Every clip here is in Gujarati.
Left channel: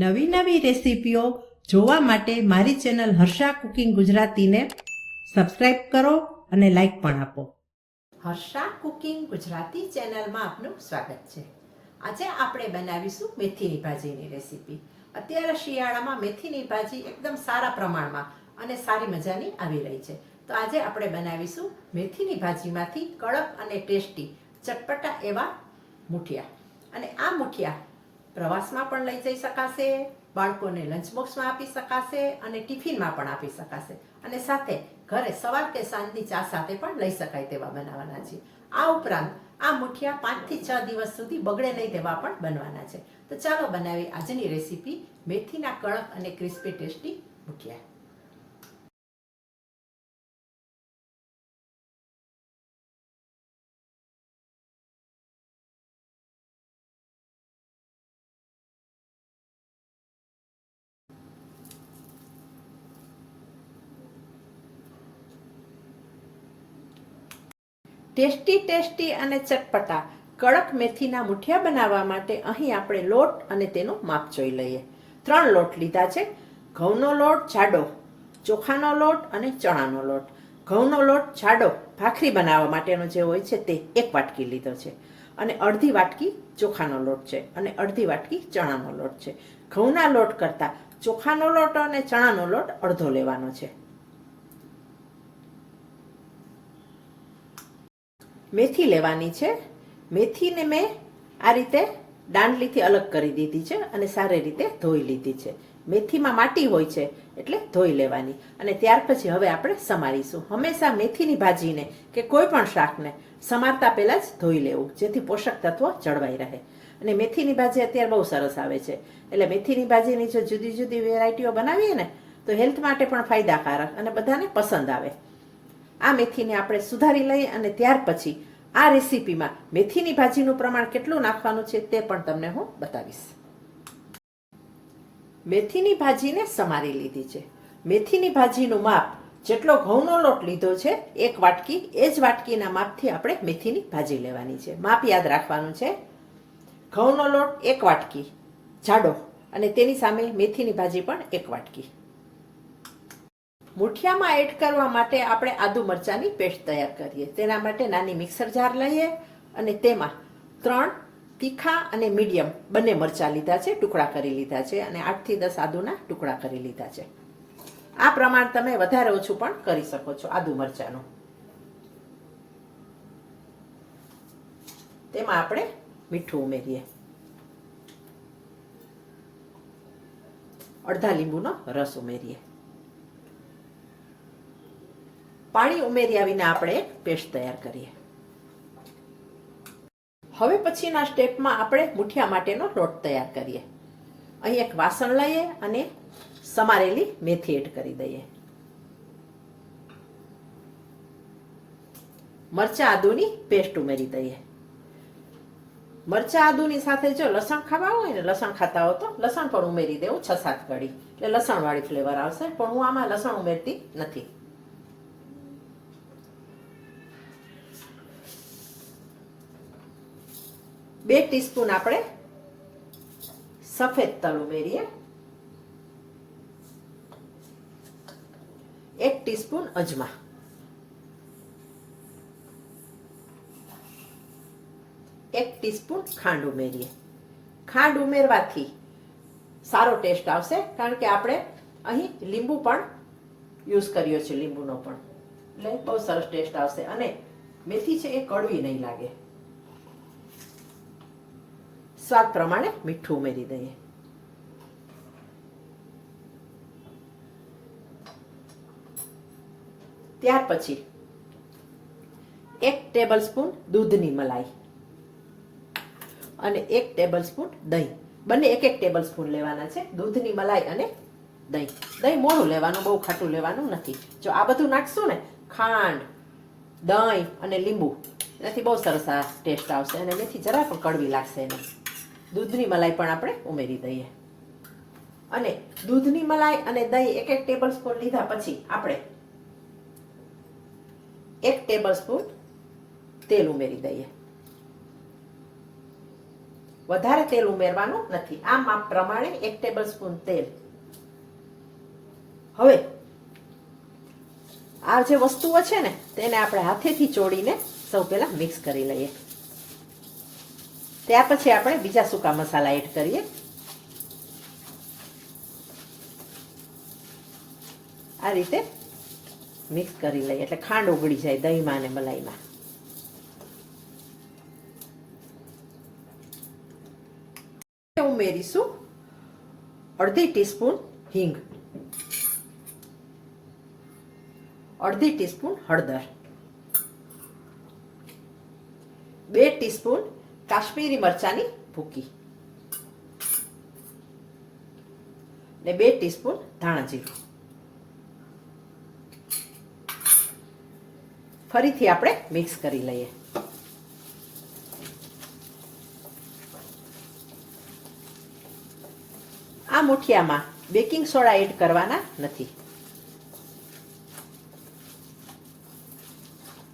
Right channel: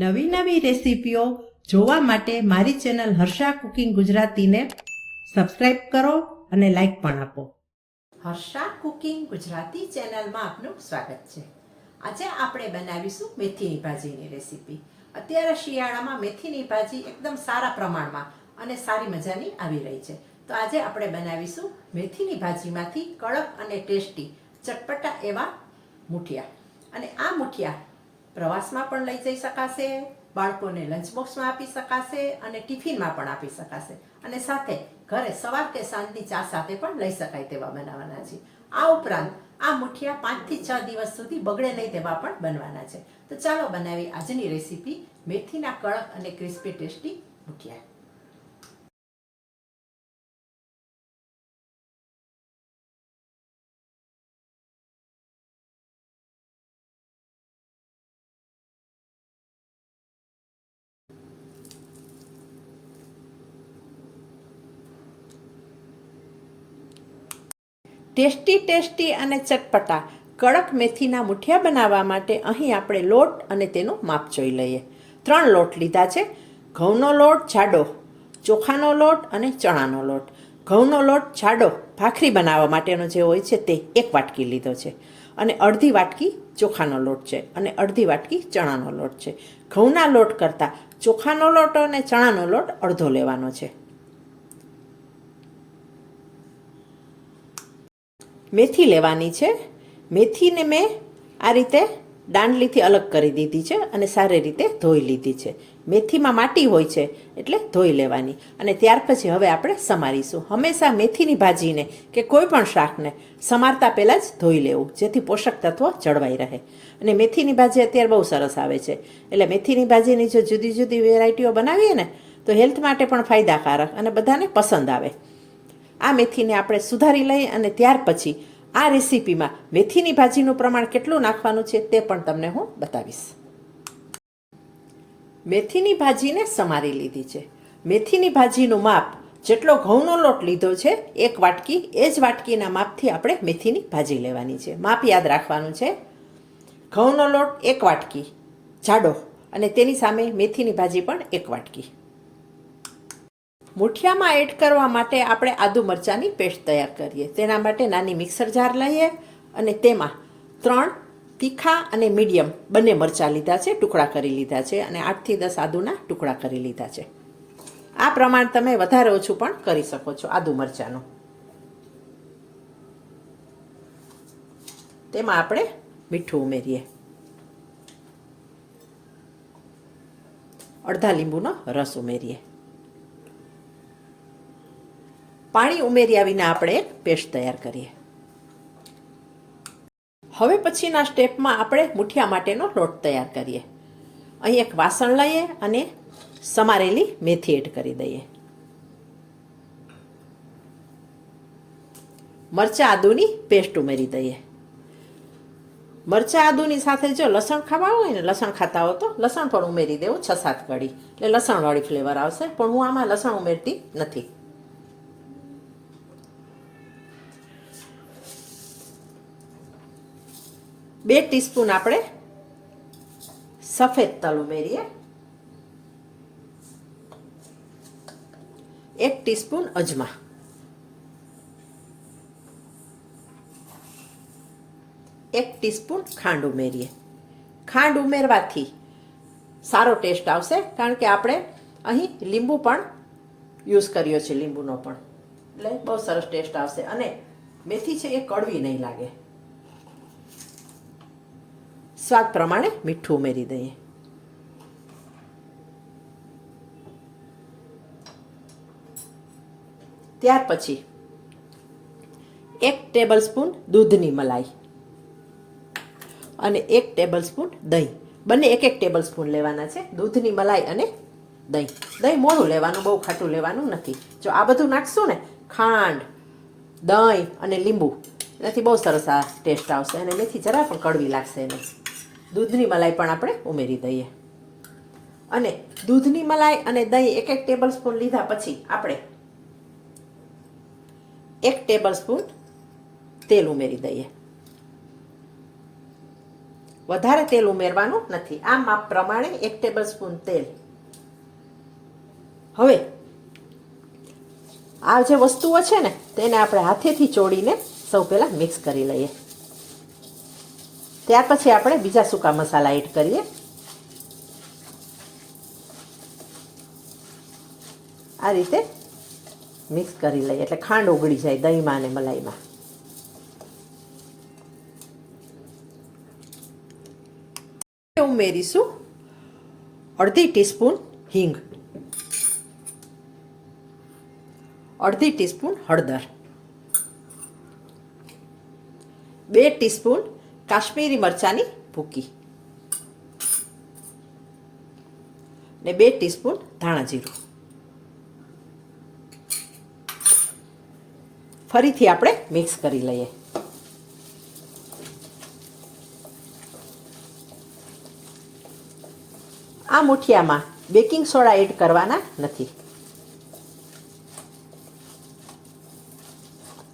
નવી નવી રેસીપીઓ જોવા માટે મારી ચેનલ હર્ષા કુકિંગ ગુજરાતીને સબસ્ક્રાઇબ કરો અને લાઈક પણ આપો. હર્ષા કુકિંગ ગુજરાતી ચેનલમાં આપનું સ્વાગત છે. આજે આપણે બનાવીશું મેથીની ભાજીની રેસીપી. અત્યારે શિયાળામાં મેથીની ભાજી એકદમ સારા પ્રમાણમાં અને સારી મજાની આવી રહી છે. તો આજે આપણે બનાવીશું મેથીની ભાજીમાંથી કડક અને ટેસ્ટી ચટપટા એવા મુઠિયા. અને આ મુઠિયા પ્રવાસમાં પણ લઈ જઈ શકાશે, બાળકોને લંચ બોક્સમાં આપી શકાશે અને ટિફિનમાં પણ આપી શકાશે. અને સાથે ઘરે સવાર કે સાંજની ચા સાથે પણ લઈ શકાય તેવા બનાવવાના છે. આ ઉપરાંત આ મુઠિયા પાંચથી છ દિવસ સુધી બગડે નહીં તેવા પણ બનવાના છે. તો ચાલો બનાવી આજની રેસીપી મેથીના કડક અને crispy tasty muthia. Tasty tasty અને ચટપટા કડક મેથીના મુઠિયા બનાવવા માટે અહીં આપણે લોટ અને તેનું માપ જોઈ લઈએ. ત્રણ લોટ લીધા છે. ઘઉંનો લોટ જાડો, ચોખાનો લોટ અને ચણાનો લોટ. ઘઉંનો લોટ જાડો ભાખરી બનાવવા માટેનો જે હોય છે તે એક વાટકી લીધો છે. અને અડધી વાટકી ચોખાનો લોટ છે અને અડધી વાટકી ચણાનો લોટ છે. ઘઉંના લોટ કરતાં ચોખાનો લોટ અને ચણાનો લોટ અડધો લેવાનો છે. મેથી લેવાની છે. મેથીને મેં આ રીતે દાંડલીથી અલગ કરી દીધી છે અને સારી રીતે ધોઈ લીધી છે. મેથીમાં માટી હોય છે એટલે ધોઈ લેવાની. અને ત્યાર પછી હવે આપણે સમારીશું. હંમેશા મેથીની ભાજીને કે કોઈ પણ શાકને સમારતા પહેલાં જ ધોઈ લેવું, જેથી પોષક તત્વો જળવાઈ રહે. અને મેથીની ભાજી અત્યારે બહુ સરસ આવે છે. એટલે મેથીની ભાજીની જો જુદી જુદી વેરાયટીઓ બનાવીએ ને, તો હેલ્થ માટે પણ ફાયદાકારક અને બધાને પસંદ આવે. આ મેથીને આપણે સુધારી લઈએ અને ત્યાર પછી આ રેસીપીમાં મેથીની ભાજીનું પ્રમાણ કેટલું નાખવાનું છે તે પણ તમને હું બતાવીશ. મેથીની ભાજીને સમારી લીધી છે. મેથીની ભાજીનું માપ જેટલો ઘઉંનો લોટ લીધો છે, એક વાટકી, એ જ વાટકીના માપથી આપણે મેથીની ભાજી લેવાની છે. માપ યાદ રાખવાનું છે. ઘઉંનો લોટ એક વાટકી, જાડો, અને તેની સામે મેથીની ભાજી પણ એક વાટકી. મુઠિયામાં એડ કરવા માટે આપણે આદુ મરચાંની પેસ્ટ તૈયાર કરીએ. તેના માટે નાની મિક્સર જાર લઈએ અને તેમાં ત્રણ તીખા અને મીડિયમ બંને મરચાં લીધા છે, ટુકડા કરી લીધા છે અને આઠથી દસ આદુના ટુકડા કરી લીધા છે. આ પ્રમાણ તમે વધારે ઓછું પણ કરી શકો છો આદુ મરચાંનું. તેમાં આપણે મીઠું ઉમેરીએ. અડધા લીંબુનો રસ ઉમેરીએ. પાણી ઉમેર્યા વિના આપણે પેસ્ટ તૈયાર કરીએ. હવે પછીના સ્ટેપમાં આપણે મુઠિયા માટેનો લોટ તૈયાર કરીએ. અહીં એક વાસણ લઈએ અને સમારેલી મેથી એડ કરી દઈએ. મરચા આદુની પેસ્ટ ઉમેરી દઈએ. મરચા આદુની સાથે જો લસણ ખાવા હોય ને, લસણ ખાતા હો તો લસણ પણ ઉમેરી દેવું છ સાત કડી એટલે લસણવાળી ફ્લેવર આવશે, પણ હું આમાં લસણ ઉમેરતી નથી. બે ટીસ્પૂન આપણે સફેદ તલ ઉમેરીએ. એક ટીસ્પૂન અજમા. એક ટીસ્પૂન ખાંડ ઉમેરીએ. ખાંડ ઉમેરવાથી સારો ટેસ્ટ આવશે, કારણ કે આપણે અહીં લીંબુ પણ યુઝ કર્યો છે લીંબુનો પણ. એટલે બહુ સરસ ટેસ્ટ આવશે અને મેથી છે એ કડવી નહીં લાગે. સ્વાદ પ્રમાણે મીઠું ઉમેરી દઈએ. ત્યાર પછી એક ટેબલ સ્પૂન દૂધની મલાઈ અને એક ટેબલ સ્પૂન દહીં. બંને એક એક ટેબલ સ્પૂન લેવાના છે, દૂધની મલાઈ અને દહીં. દહીં મોડું લેવાનું, બહુ ખાટું લેવાનું નથી. જો આ બધું નાખશું ને, ખાંડ, દહીં અને લીંબુ, એનાથી બહુ સરસ આ ટેસ્ટ આવશે અને મેથી જરા પણ કડવી લાગશે એને દૂધની મલાઈ પણ આપણે ઉમેરી દઈએ. અને દૂધની મલાઈ અને દહીં એક એક ટેબલ સ્પૂન લીધા પછી આપણે એક ટેબલ સ્પૂન તેલ ઉમેરી દઈએ. વધારે તેલ ઉમેરવાનું નથી. આ માપ પ્રમાણે એક ટેબલ સ્પૂન તેલ. હવે, આ જે વસ્તુઓ છે ને, તેને આપણે હાથેથી ચોડીને સૌ પહેલાં મિક્સ કરી લઈએ. ત્યાર પછી આપણે બીજા સૂકા મસાલા એડ કરીએ. આ રીતે મિક્સ કરી લઈએ, એટલે ખાંડ ઓગળી જાય દહીંમાં અને મલાઈમાં. ઉમેરીશું અડધી ટીસ્પૂન હિંગ. અડધી ટીસ્પૂન હળદર. બે ટીસ્પૂન કાશ્મીરી મરચાની ભૂકી. ને બે ટીસ્પૂન ધાણા જીરું. ફરીથી આપણે મિક્સ કરી લઈએ. આ મુઠિયામાં બેકિંગ સોડા એડ કરવાના નથી.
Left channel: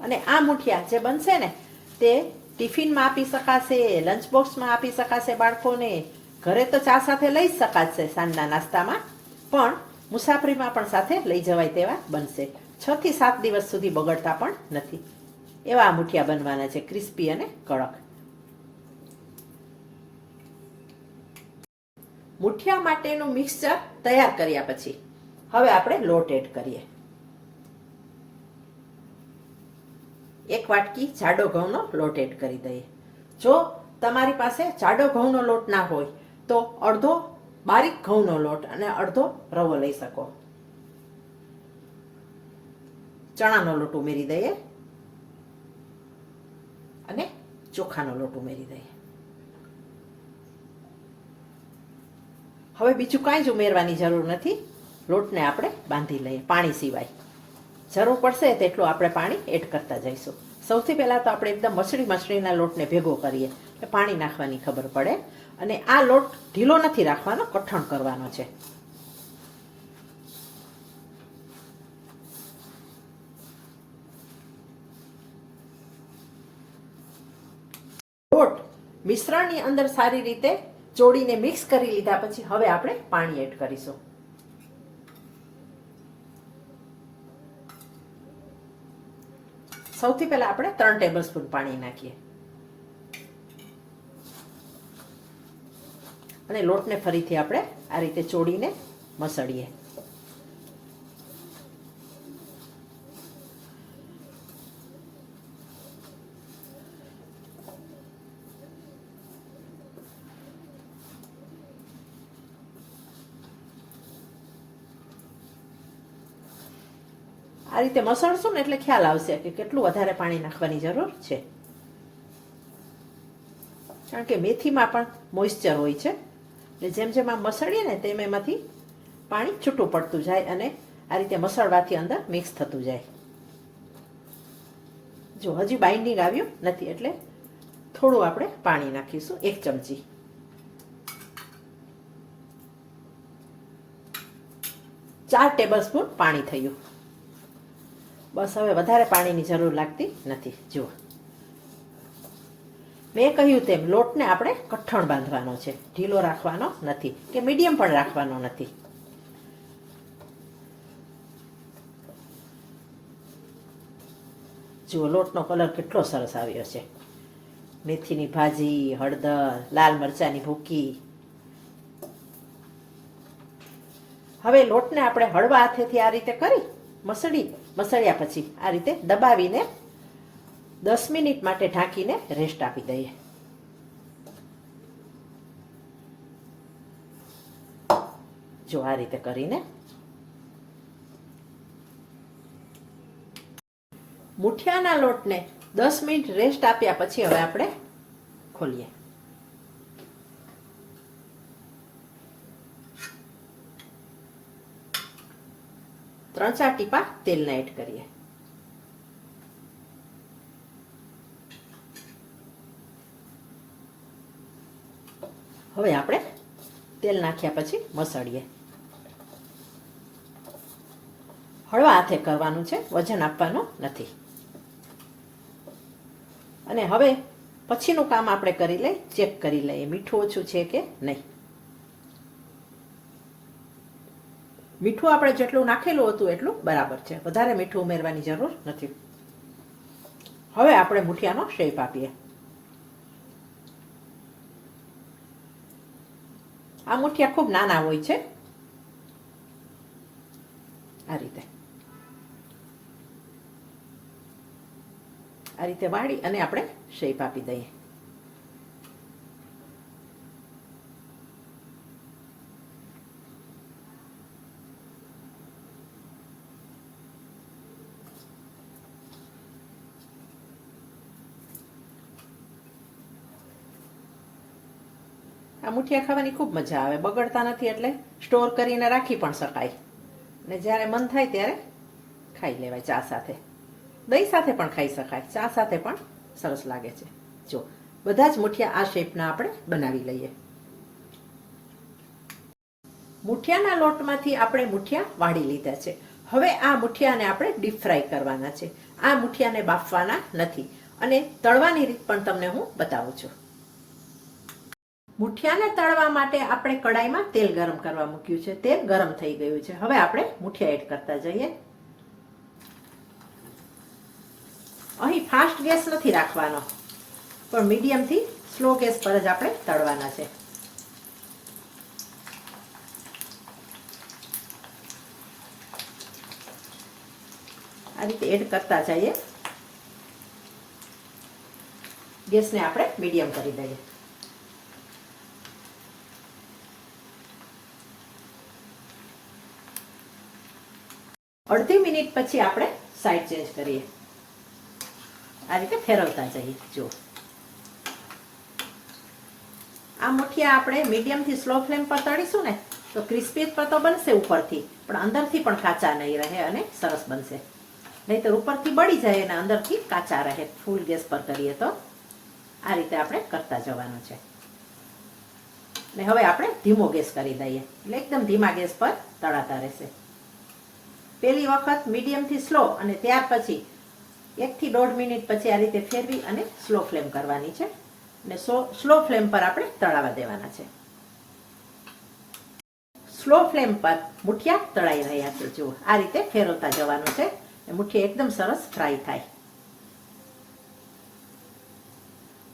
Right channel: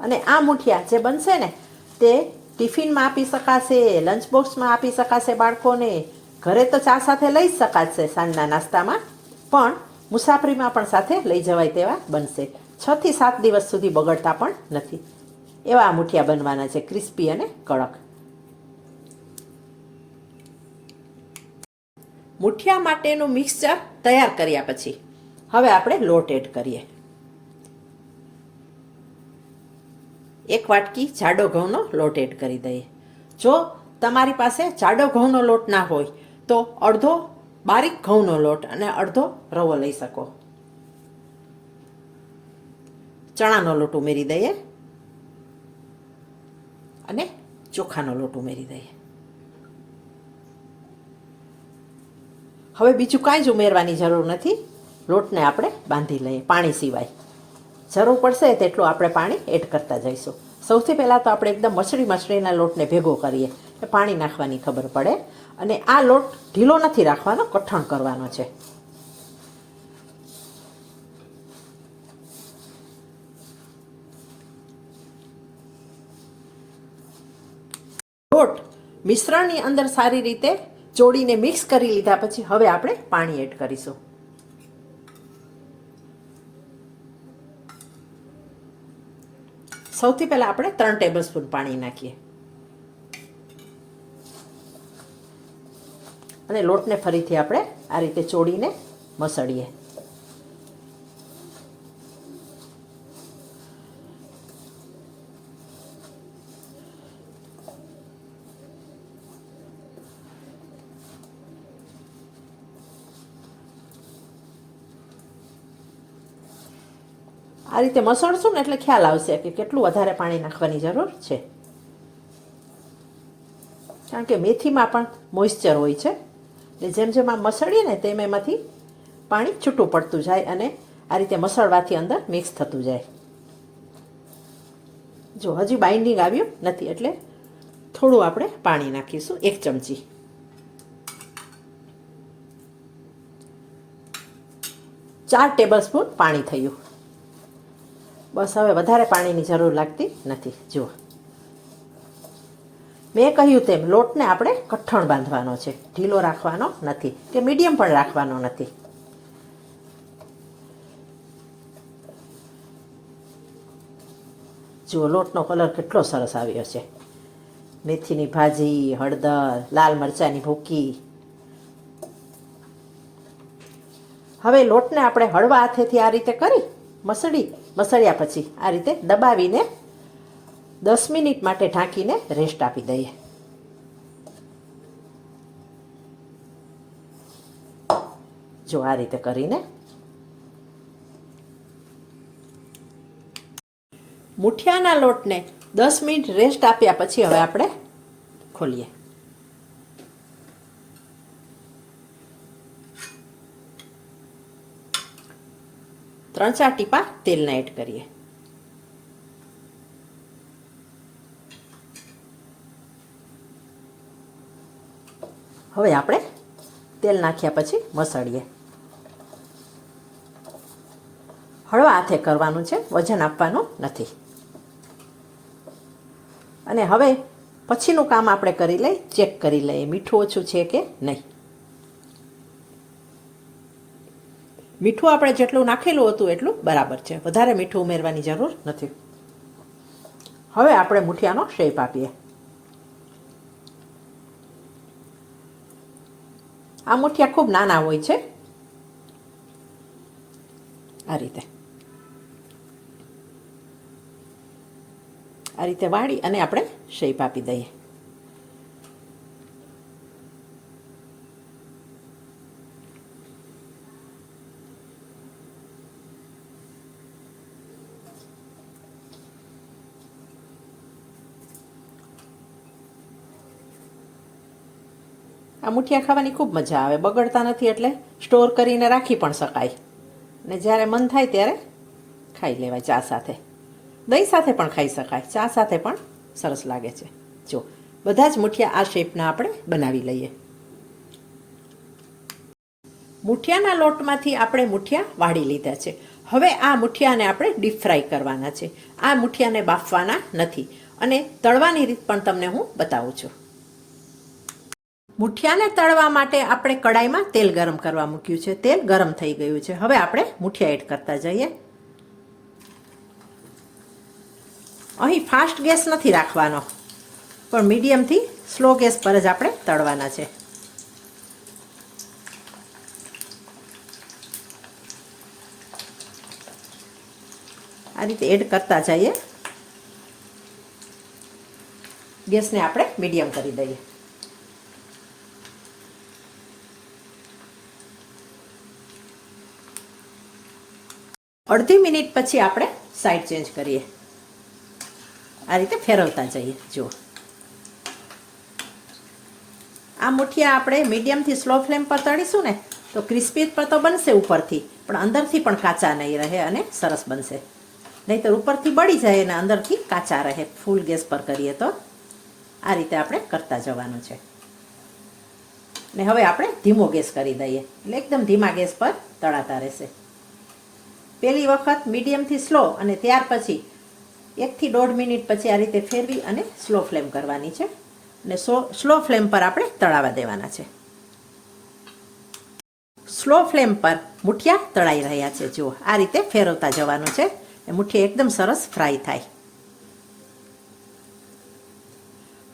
અને આ મુઠિયા જે બનશે ને તે ટિફિનમાં આપી શકાશે લંચ બોક્સમાં આપી શકાશે બાળકોને. ઘરે તો ચા સાથે લઈ જ શકાશે સાંજના નાસ્તામાં, પણ મુસાફરીમાં પણ સાથે લઈ જવાય તેવા બનશે. છ થી સાત દિવસ સુધી બગડતા પણ નથી. એવા મુઠિયા બનવાના છે, ક્રિસ્પી અને કડક. મુઠિયા માટેનું મિક્સચર તૈયાર કર્યા પછી, હવે આપણે લોટ એડ કરીએ. એક વાટકી જાડો ઘઉંનો લોટ એડ કરી દઈએ. જો તમારી પાસે જાડો ઘઉંનો લોટ ના હોય, તો અડધો બારીક ઘઉંનો લોટ અને અડધો રવો લઈ શકો. ચણાનો લોટ ઉમેરી દઈએ અને ચોખાનો લોટ ઉમેરી દઈએ. હવે બીજું કાંઈ જ ઉમેરવાની જરૂર નથી. લોટને આપણે બાંધી લઈએ પાણી સિવાય. જરૂર પડશે તેટલું આપણે પાણી એડ કરતા જઈશું. સૌથી પહેલાં તો આપણે એકદમ મસળી મસળીના લોટને ભેગો કરીએ એટલે પાણી નાખવાની ખબર પડે. અને આ લોટ ઢીલો નથી રાખવાનો, કઠણ કરવાનો છે. લોટ મિશ્રણની અંદર સારી રીતે ચોળીને મિક્સ કરી લીધા પછી હવે આપણે પાણી એડ કરીશું. સૌથી પહેલા આપણે ત્રણ ટેબલ સ્પૂન પાણી નાખીએ. અને લોટને ફરીથી આપણે આ રીતે ચોળીને મસળીએ. આ રીતે મસળશું ને એટલે ખ્યાલ આવશે કે કેટલું વધારે પાણી નાખવાની જરૂર છે. કારણ કે મેથીમાં પણ મોઇશ્ચર હોય છે. એટલે જેમ જેમ આ મસળીએ ને તેમ એમાંથી પાણી છૂટું પડતું જાય અને આ રીતે મસળવાથી અંદર મિક્સ થતું જાય. જો હજી બાઇન્ડિંગ આવ્યું નથી એટલે થોડું આપણે પાણી નાખીશું, એક ચમચી. ચાર ટેબલ સ્પૂન પાણી થયું. બસ હવે વધારે પાણીની જરૂર લાગતી નથી. જુઓ. મેં કહ્યું તેમ લોટને આપણે કઠણ બાંધવાનો છે. ઢીલો રાખવાનો નથી કે મીડિયમ પણ રાખવાનો નથી. જુઓ, લોટનો કલર કેટલો સરસ આવ્યો છે. મેથીની ભાજી, હળદર, લાલ મરચાંની ભૂકી. હવે લોટને આપણે હળવા હાથેથી આ રીતે કરી મસળી, મસળ્યા પછી આ રીતે દબાવીને દસ મિનિટ માટે ઢાંકીને રેસ્ટ આપી દઈએ. જો આ રીતે કરીને મુઠિયાના લોટને દસ મિનિટ રેસ્ટ આપ્યા પછી હવે આપણે ખોલીએ. ત્રણ ચાર ટીપા તેલના એડ કરીએ. હવે આપણે તેલ નાખ્યા પછી મસળીએ હળવા હાથે કરવાનું છે, વજન આપવાનું નથી. અને હવે પછીનું કામ આપણે કરી લઈ ચેક કરી લઈએ, મીઠું ઓછું છે કે નહીં. મીઠું આપણે જેટલું નાખેલું હતું એટલું બરાબર છે. વધારે મીઠું ઉમેરવાની જરૂર નથી. હવે આપણે મુઠિયાનો શેપ આપીએ. આ મુઠિયા ખૂબ નાના હોય છે. આ રીતે. આ રીતે વાળી અને આપણે શેપ આપી દઈએ. મુઠિયા ખાવાની ખૂબ મજા આવે. બગડતા નથી એટલે સ્ટોર કરીને રાખી પણ શકાય. ને જ્યારે મન થાય ત્યારે ખાઈ લેવાય ચા સાથે. દહીં સાથે પણ ખાઈ શકાય. ચા સાથે પણ સરસ લાગે છે. જો, બધા જ મુઠિયા આ શેપના આપણે બનાવી લઈએ. મુઠિયાના લોટમાંથી આપણે મુઠિયા વાળી લીધા છે. હવે આ મુઠિયાને આપણે ડીપ ફ્રાય કરવાના છે. આ મુઠિયાને બાફવાના નથી. અને તળવાની રીત પણ તમને હું બતાવું છું. મુઠિયાને તળવા માટે આપણે કડાઈમાં તેલ ગરમ કરવા મૂક્યું છે. તેલ ગરમ થઈ ગયું છે. હવે આપણે મુઠિયા એડ કરતા જઈએ. અહીં ફાસ્ટ ગેસ નથી રાખવાનો, પણ મીડિયમથી સ્લો ગેસ પર જ આપણે તળવાના છે. આ રીતે એડ કરતા જઈએ. ગેસને આપણે મીડિયમ કરી દઈએ. અડધી મિનિટ પછી આપણે સાઈડ ચેન્જ કરીએ. આ રીતે ફેરવતા જઈએ, જુઓ. આ મુઠિયા આપણે મીડિયમથી સ્લો ફ્લેમ પર તળીશું ને, તો ક્રિસ્પી તો બનશે ઉપરથી, પણ અંદરથી પણ કાચા નહીં રહે અને સરસ બનશે. નહીં તો ઉપરથી બળી જાય અને અંદરથી કાચા રહે. ફૂલ ગેસ પર કરીએ તો આ રીતે આપણે કરતા જવાનું છે. ને હવે આપણે ધીમો ગેસ કરી દઈએ, એટલે એકદમ ધીમા ગેસ પર તળાતા રહેશે. પહેલી વખત મીડિયમથી સ્લો અને ત્યાર પછી એકથી દોઢ મિનિટ પછી આ રીતે ફેરવી અને સ્લો ફ્લેમ કરવાની છે. અને સો સ્લો ફ્લેમ પર આપણે તળાવા દેવાના છે. સ્લો ફ્લેમ પર મુઠિયા તળાઈ રહ્યા છે. જુઓ, આ રીતે ફેરવતા જવાનું છે મુઠ્ઠી એકદમ સરસ ફ્રાય થાય.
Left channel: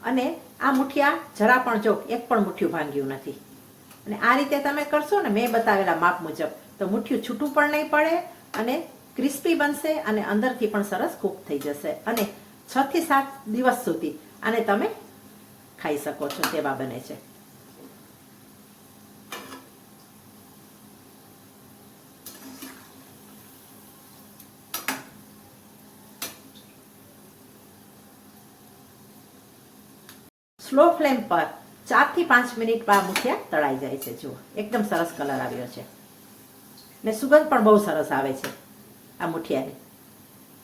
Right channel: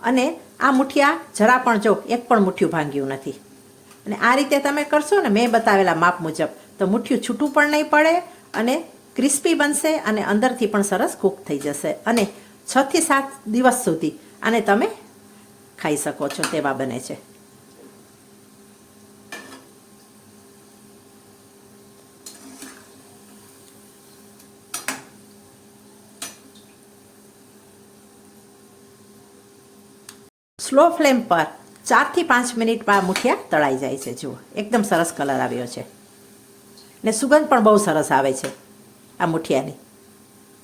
અને આ મુઠિયા જરા પણ જો એક પણ મુઠ્ઠિયું ભાંગ્યું નથી. અને આ રીતે તમે કરશો ને મેં બતાવેલા માપ મુજબ, તો મુઠ્ઠિયું છૂટું પણ નહીં પડે અને ક્રિસ્પી બનશે અને અંદરથી પણ સરસ કૂક થઈ જશે. અને છ થી સાત દિવસ સુધી આને તમે ખાઈ શકો છો, તેવા બને છે. સ્લો ફ્લેમ પર ચારથી પાંચ મિનિટમાં મુઠિયા તળાઈ જાય છે. જુઓ, એકદમ સરસ કલર આવ્યો છે. ને સુગંધ પણ બહુ સરસ આવે છે આ મુઠિયાની.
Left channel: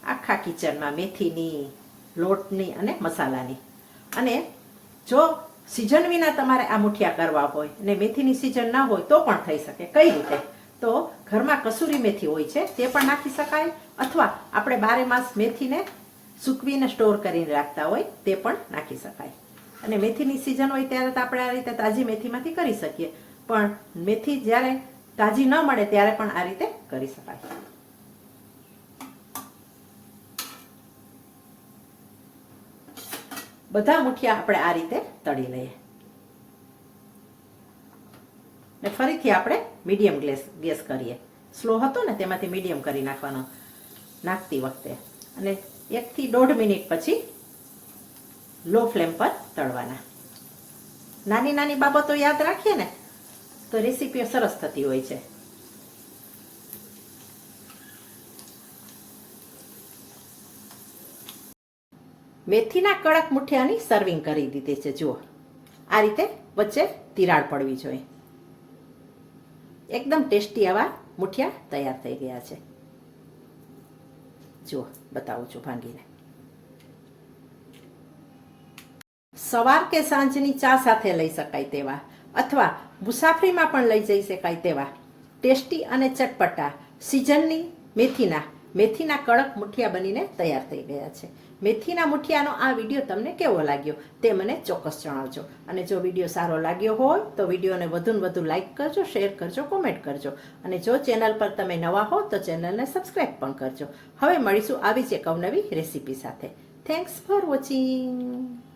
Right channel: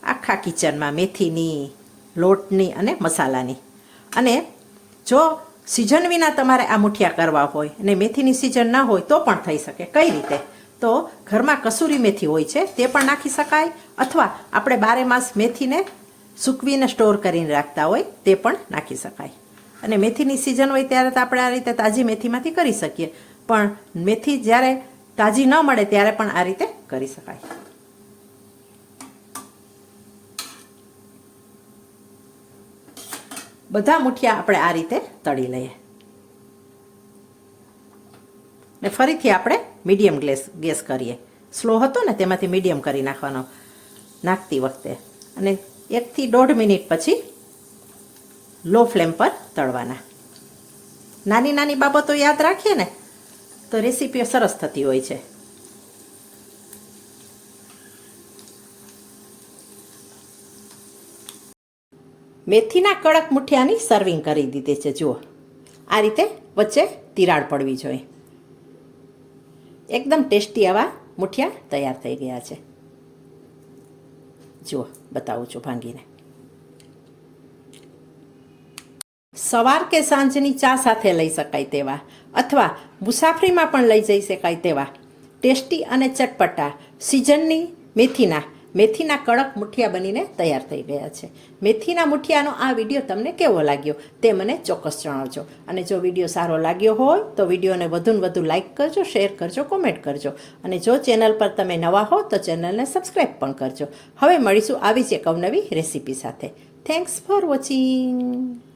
આખા કિચનમાં મેથીની, લોટની અને મસાલાની. અને જો સિઝન વિના તમારે આ મુઠિયા કરવા હોય અને મેથીની સિઝન ના હોય તો પણ થઈ શકે. કઈ રીતે? તો ઘરમાં કસૂરી મેથી હોય છે, તે પણ નાખી શકાય અથવા આપણે બારે માસ મેથીને સૂકવીને સ્ટોર કરીને રાખતા હોય, તે પણ નાખી શકાય. અને મેથીની સિઝન હોય ત્યારે તો આપણે આ રીતે તાજી મેથીમાંથી કરી શકીએ. પણ મેથી જ્યારે તાજી ન મળે ત્યારે પણ આ રીતે કરી શકાય. બધા મુઠિયા આપણે આ રીતે તળી લઈએ. ને ફરીથી આપણે મીડિયમ ગેસ ગેસ કરીએ. સ્લો હતો ને તેમાંથી મીડિયમ કરી નાખવાનો. નાખતી વખતે. અને એકથી દોઢ મિનિટ પછી લો ફ્લેમ પર તળવાના. નાની નાની બાબતો યાદ રાખીએ ને? તો રેસીપીઓ સરસ થતી હોય છે. મેથીના કડક મુઠિયાની સર્વિંગ કરી દીધી છે, જુઓ. આ રીતે વચ્ચે તિરાડ પડવી જોઈએ. એકદમ ટેસ્ટી આવા મુઠિયા તૈયાર થઈ ગયા છે. જુઓ, બતાવું છું ભાંગીને. સવાર કે સાંજની ચા સાથે લઈ શકાય તેવા અથવા મુસાફરીમાં પણ લઈ જઈ શકાય તેવા. ટેસ્ટી અને ચટપટા, સિઝનની મેથીના મેથીના કડક મુઠિયા બનીને તૈયાર થઈ ગયા છે. મેથીના મુઠિયાનો આ વીડિયો તમને કેવો લાગ્યો તે મને ચોક્કસ જણાવજો. અને જો વીડિયો સારો લાગ્યો હોય તો વિડીયોને વધુને વધુ લાઇક કરજો, શેર કરજો, કોમેન્ટ કરજો. અને જો ચેનલ પર તમે નવા હો તો ચેનલને સબસ્ક્રાઈબ પણ કરજો. હવે મળીશું આવી જ એક અવનવી રેસીપી સાથે. Thanks for watching.